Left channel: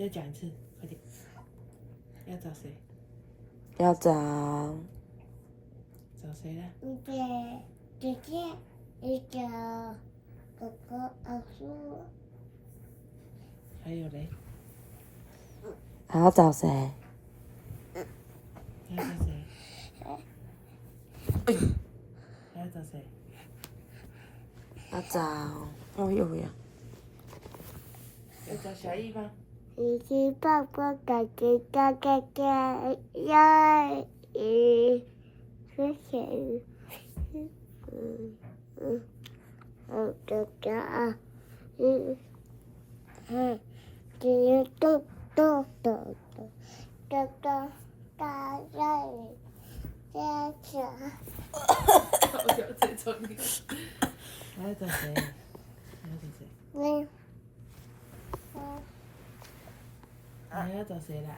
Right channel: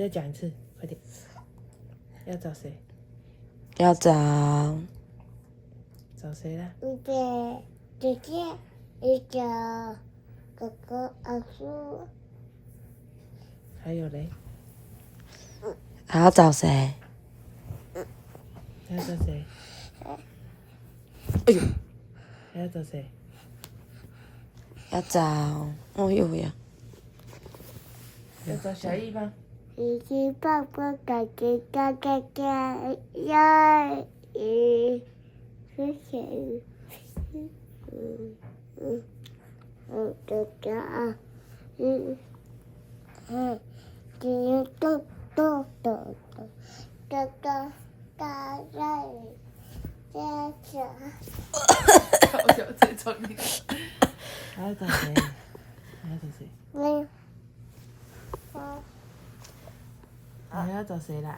再讲一次，快点。要找谁？要找找谁啦？一个姐姐，一个哥哥，阿叔。还有嘞？还要找谁？还要找谁？哎呦！还要找谁？要找哦有呀，要找小易吗？一只爸爸嘎嘎嘎嘎嘎，要是谁？嘎嘎，咚咚咚咚，嘎嘎嘎嘎，家长。我想最聪明。还要找谁？还要找谁？还要找谁啦？